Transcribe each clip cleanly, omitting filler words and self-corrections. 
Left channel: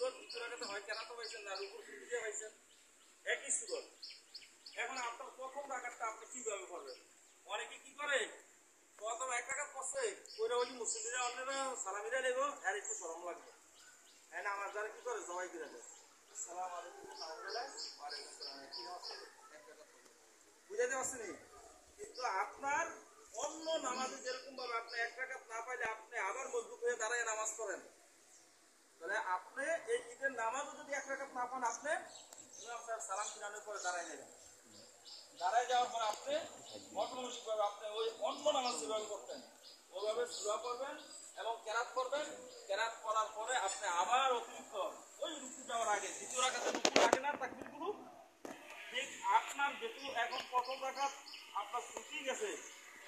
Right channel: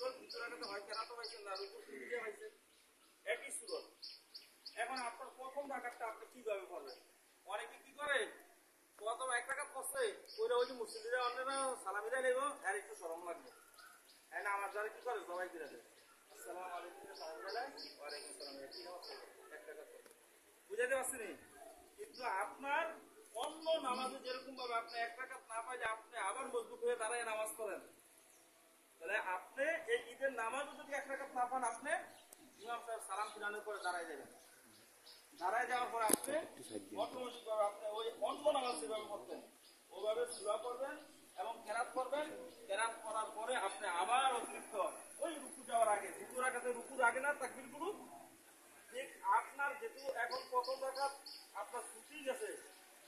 সুরত দ্বিতীয় রাকাতে হয় কেরাতও পাইছেন না রুকু দিয়ে পাইছেন একই সুরত। এখন আপনার প্রথম রাকাতটা আপনি কিভাবে করবেন? অনেকে কি করে প্রথম এক রাকাত করছে ওইটা ওই মুসলিমরা অন্যরা সালামিরা নেব আর একটু শরম লাগবে, হ্যাঁ না আমার যারা কি করে সবাই কিনে দেয় আসসালামু আলাইকুম ওয়ালাইকুম আসসালাম কি নামাজ এক রাকাত করবে বুঝাইতে পারছেন। কিন্তু আপনার অন্য নামাজে যেরকম ভাবে আপনি এক রাকাত না পাইলে আপনি আবার মজবুত হয়ে দাঁড়ায় নামাজ পড়েন, তাহলে আপনি এই ঈদের নামাজও যদি এক রাকাত না পান আপনি ইমাম সাহেব সালাম ফিরানোর পরে দাঁড়ায় যাবেন। দাঁড়ায় যাওয়ার পরে আপনি অটোমেটিক ভাবে আপনি ওই অন্য নামাজ যেভাবে করতেন ওইভাবে সূরা পড়বেন এবং কেরাত করবেন। কেরাত করার পরে আপনি আবার অতিরিক্ত ওই রুকু যাওয়ার আগে দ্বিতীয় রাকাতে রুকু লাগে না তাকবীরগুলো ঠিক আপনার যেহেতু এখন প্রথম রাকাত আপনার ছুটি গেছে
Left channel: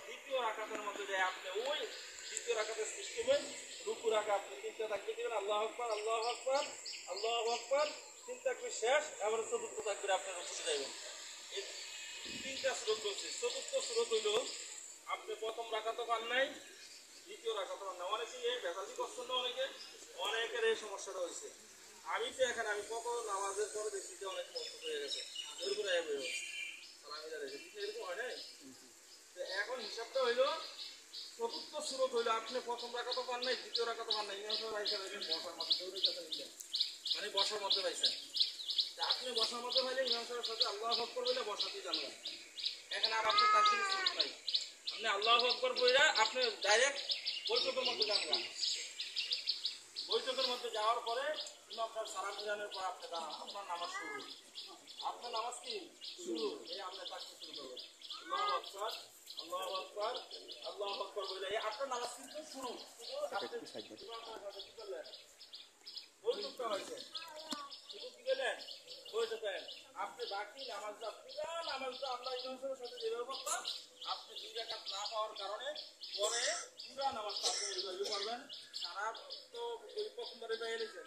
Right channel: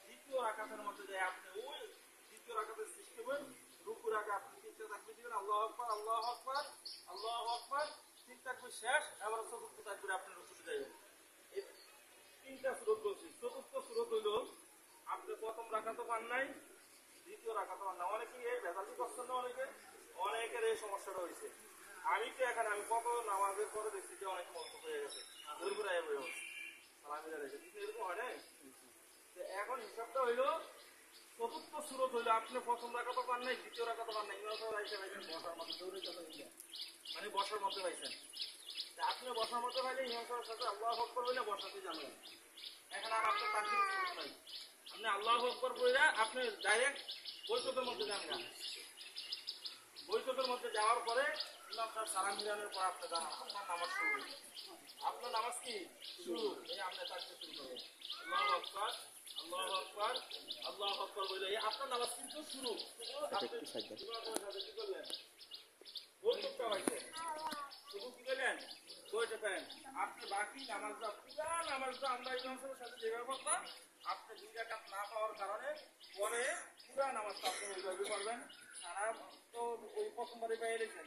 দ্বিতীয় রাকাতের মধ্যে যে আপনি ওই দ্বিতীয় রাকাতের সিস্টেমে রুকু রাখা আপনি তিনটা তাকবীর দিবেন আল্লাহু আকবার আল্লাহু আকবার আল্লাহু আকবার, তিন তাকবীর শেষ এবং চতুর্থ তাকবীর আপনি রুকুতে যাবেন। এই তিনটা সুরত বলছি। চতুর্থ সুরত হইল আপনি প্রথম রাকাতও পান নাই দ্বিতীয় রাকাতও পান না। অনেকে এই ভেজালি করছেন না, অনেকের এই সমস্যাটা হয়েছে। আমি তো এখানে আমি কত নামাজের পরে দেখছি যে অনেক মস্ত হয়ে গেছে এরকম হয় নাই। এখন হিসাবটা হইলো চতুর্থ সুরত হইলো আপনি প্রথম রাকাতও পান নাই দ্বিতীয় রাকাতও পান নাই বসার মধ্যে মানে বসার মধ্যে পাইছেন। আপনি বসার মধ্যে পাইলে ইমাম সাহেবের সাথে আল্লাহু আকবার বলে বসাতেই জানবেন। এখন আর আপনার তাকবীর সুরত নাই, আপনি আল্লাহু আকবার বলে আপনি ডাইরেক্ট বৈঠকের মধ্যে যান না। বৈঠকের মধ্যে যাওয়ার পরে ইমাম সাহেব সালাম ফিরানোর পর আপনি দাঁড়ান, আপনার নামাজ শুরু। আপনার নামাজ কি শুরু, এই আপনি তাকবীর শুরু করবেন আল্লাহু আকবার আল্লাহু আকবার আল্লাহু আকবার বলে আপনার নামাজ কিন্তু শুরু। কি করলেন? বৈঠকটা হয়েছে শুধু কি করলেন? বৈঠকেন। আপনি বাকি নামাজটা পুরা নামাজটা আমরা ইমাম সাহেবের সাথে যেভাবে করতাম আপনি দুই রাকাত না পাওয়ার কারণে পরে পুরা নামাজটা আপনি ওইভাবে করবেন। সারা তো ওই প্রথমবারে পেয়ে গেছেন,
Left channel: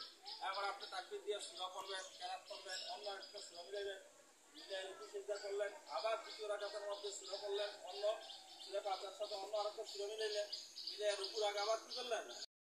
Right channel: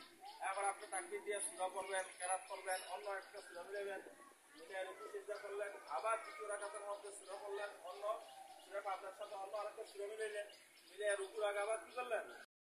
এবার আপনি তাকবীর দিয়ে সূরা পড়বেন, কেরাত করবেন, অন্য একটা সূরা মিলাবেন, মিলে রুকু সিজদা করলেন, আবার দ্বিতীয় রাকাতের মধ্যে সূরা পড়লেন, অন্য সূরা পাঁচের সাথে অন্য আরেকটা সূরা মিলাইলেন, মিলে রুকুর আগে আবার কি করলেন